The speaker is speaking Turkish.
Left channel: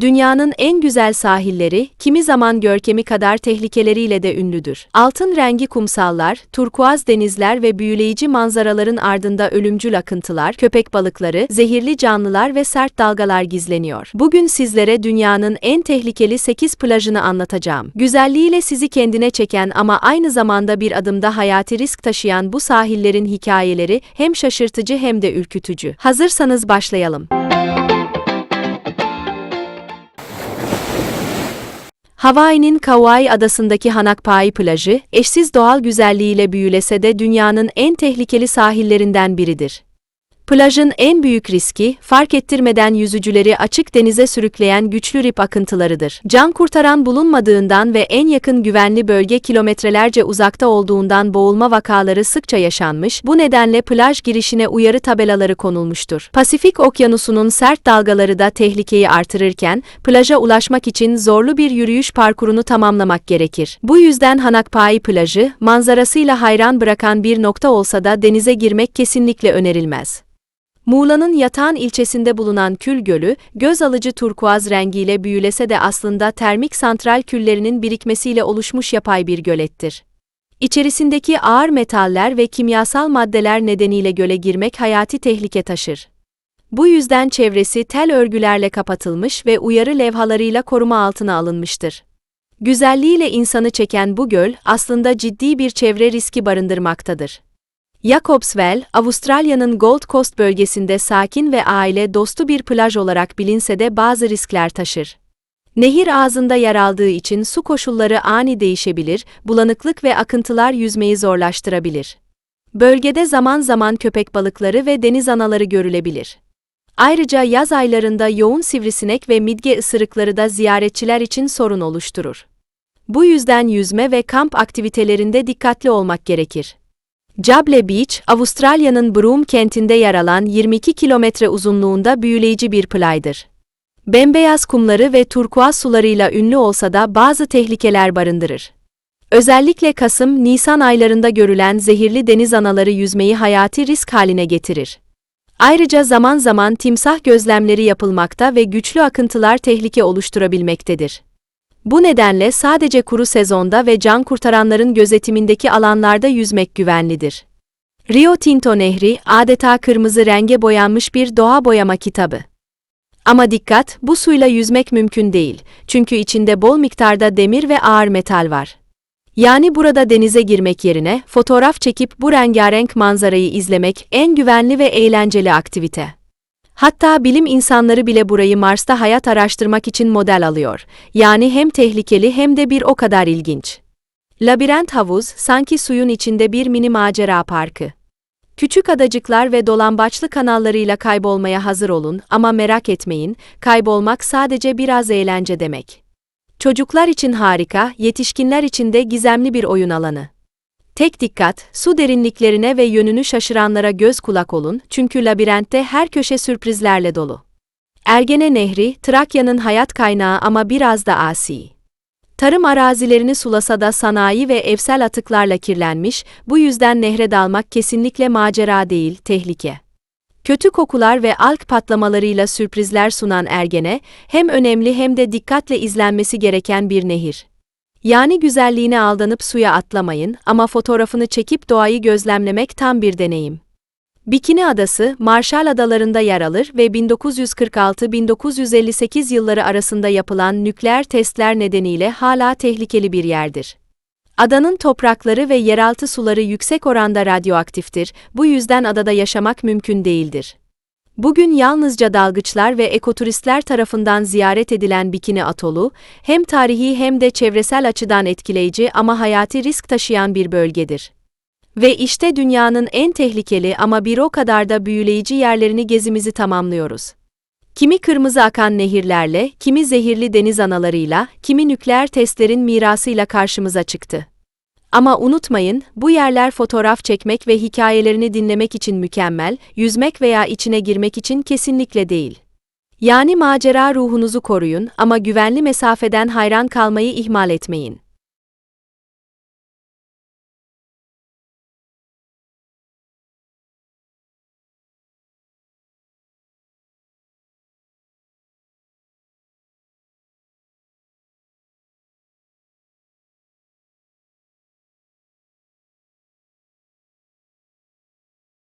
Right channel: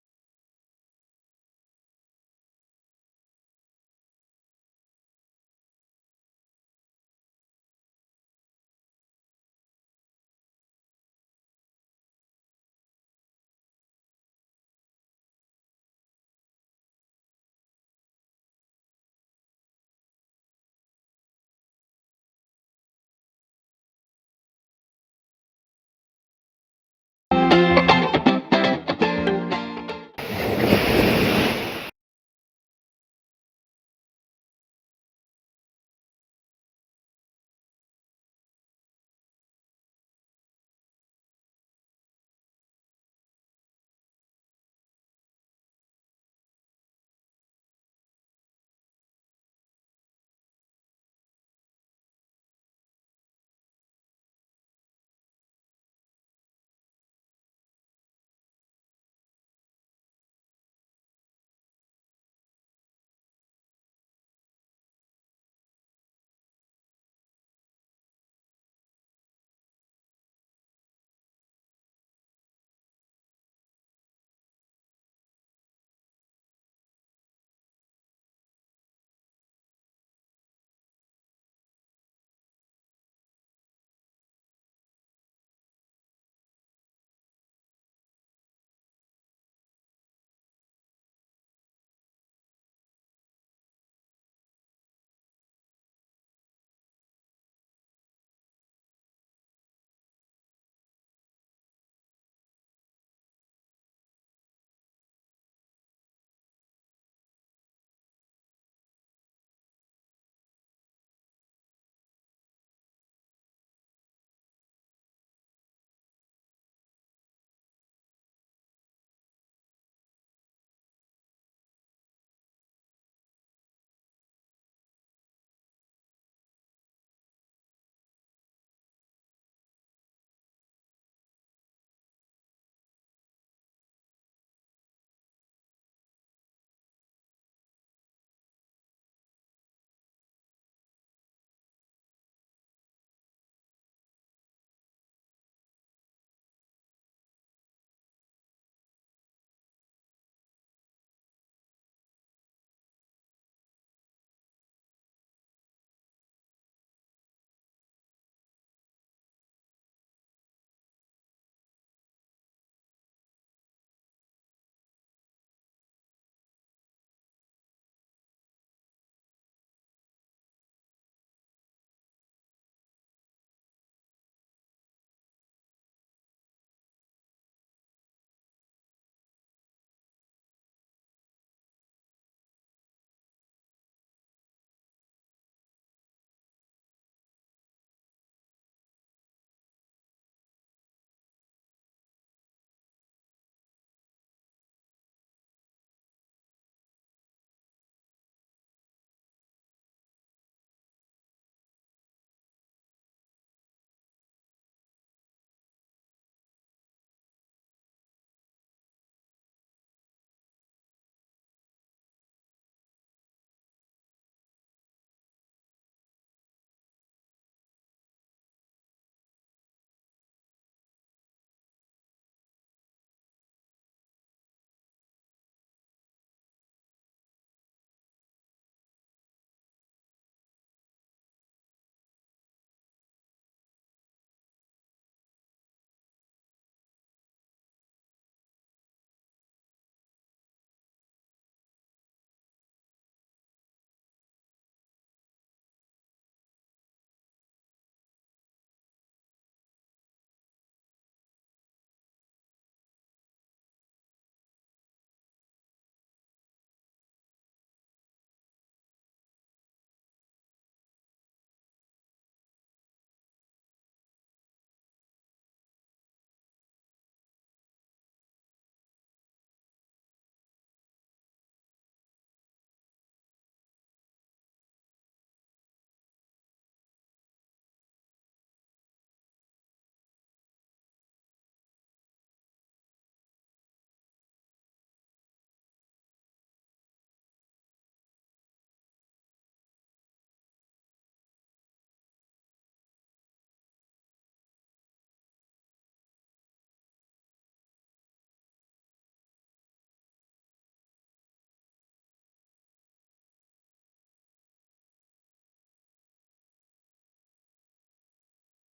Dünyanın en güzel sahilleri, kimi zaman görkemi kadar tehlikeleriyle de ünlüdür. Altın rengi kumsallar, turkuaz denizler ve büyüleyici manzaraların ardında ölümcül akıntılar, köpek balıkları, zehirli canlılar ve sert dalgalar gizleniyor. Bugün sizlere dünyanın en tehlikeli 8 plajını anlatacağım. Güzelliğiyle sizi kendine çeken ama aynı zamanda bir adımda hayati risk taşıyan bu sahillerin hikayeleri hem şaşırtıcı hem de ürkütücü. Hazırsanız başlayalım. Hawaii'nin Kauai adasındaki Hanakpai plajı, eşsiz doğal güzelliğiyle büyülese de dünyanın en tehlikeli sahillerinden biridir. Plajın en büyük riski, fark ettirmeden yüzücüleri açık denize sürükleyen güçlü rip akıntılarıdır. Can kurtaran bulunmadığından ve en yakın güvenli bölge kilometrelerce uzakta olduğundan boğulma vakaları sıkça yaşanmış, bu nedenle plaj girişine uyarı tabelaları konulmuştur. Pasifik Okyanusu'nun sert dalgaları da tehlikeyi artırırken, plaja ulaşmak için zorlu bir yürüyüş parkurunu tamamlamak gerekir. Bu yüzden Hanakpai plajı, manzarasıyla hayran bırakan bir nokta olsa da denize girmek kesinlikle önerilmez. Muğla'nın Yatağan ilçesinde bulunan Kül Gölü, göz alıcı turkuaz rengiyle büyülese de aslında termik santral küllerinin birikmesiyle oluşmuş yapay bir gölettir. İçerisindeki ağır metaller ve kimyasal maddeler nedeniyle göle girmek hayati tehlike taşır. Bu yüzden çevresi tel örgülerle kapatılmış ve uyarı levhalarıyla koruma altına alınmıştır. Güzelliğiyle insanı çeken bu göl aslında ciddi bir çevre riski barındırmaktadır. Jacobswell, Avustralya'nın Gold Coast bölgesinde sakin ve aile dostu bir plaj olarak bilinse de bazı riskler taşır. Nehir ağzında yer aldığı için su koşulları ani değişebilir, bulanıklık ve akıntılar yüzmeyi zorlaştırabilir. Bölgede zaman zaman köpek balıkları ve deniz anaları görülebilir. Ayrıca yaz aylarında yoğun sivrisinek ve midge ısırıkları da ziyaretçiler için sorun oluşturur. Bu yüzden yüzme ve kamp aktivitelerinde dikkatli olmak gerekir. Jable Beach, Avustralya'nın Broome kentinde yer alan 22 kilometre uzunluğunda büyüleyici bir playdır. Bembeyaz kumları ve turkuaz sularıyla ünlü olsa da bazı tehlikeler barındırır. Özellikle Kasım-Nisan aylarında görülen zehirli deniz anaları yüzmeyi hayati risk haline getirir. Ayrıca zaman zaman timsah gözlemleri yapılmakta ve güçlü akıntılar tehlike oluşturabilmektedir. Bu nedenle sadece kuru sezonda ve can kurtaranların gözetimindeki alanlarda yüzmek güvenlidir. Rio Tinto Nehri adeta kırmızı renge boyanmış bir doğa boyama kitabı. Ama dikkat, bu suyla yüzmek mümkün değil. Çünkü içinde bol miktarda demir ve ağır metal var. Yani burada denize girmek yerine fotoğraf çekip bu rengarenk manzarayı izlemek en güvenli ve eğlenceli aktivite. Hatta bilim insanları bile burayı Mars'ta hayat araştırmak için model alıyor. Yani hem tehlikeli hem de bir o kadar ilginç. Labirent havuz sanki suyun içinde bir mini macera parkı. Küçük adacıklar ve dolambaçlı kanallarıyla kaybolmaya hazır olun ama merak etmeyin, kaybolmak sadece biraz eğlence demek. Çocuklar için harika, yetişkinler için de gizemli bir oyun alanı. Tek dikkat, su derinliklerine ve yönünü şaşıranlara göz kulak olun çünkü labirentte her köşe sürprizlerle dolu. Ergene Nehri, Trakya'nın hayat kaynağı ama biraz da asi. Tarım arazilerini sulasa da sanayi ve evsel atıklarla kirlenmiş, bu yüzden nehre dalmak kesinlikle macera değil, tehlike. Kötü kokular ve alg patlamalarıyla sürprizler sunan Ergene, hem önemli hem de dikkatle izlenmesi gereken bir nehir. Yani güzelliğine aldanıp suya atlamayın ama fotoğrafını çekip doğayı gözlemlemek tam bir deneyim. Bikini Adası, Marshall Adalarında yer alır ve 1946-1958 yılları arasında yapılan nükleer testler nedeniyle hala tehlikeli bir yerdir. Adanın toprakları ve yeraltı suları yüksek oranda radyoaktiftir, bu yüzden adada yaşamak mümkün değildir. Bugün yalnızca dalgıçlar ve ekoturistler tarafından ziyaret edilen Bikini Atolu, hem tarihi hem de çevresel açıdan etkileyici ama hayati risk taşıyan bir bölgedir. Ve işte dünyanın en tehlikeli ama bir o kadar da büyüleyici yerlerini gezimizi tamamlıyoruz. Kimi kırmızı akan nehirlerle, kimi zehirli deniz analarıyla, kimi nükleer testlerin mirasıyla karşımıza çıktı. Ama unutmayın, bu yerler fotoğraf çekmek ve hikayelerini dinlemek için mükemmel, yüzmek veya içine girmek için kesinlikle değil. Yani macera ruhunuzu koruyun ama güvenli mesafeden hayran kalmayı ihmal etmeyin.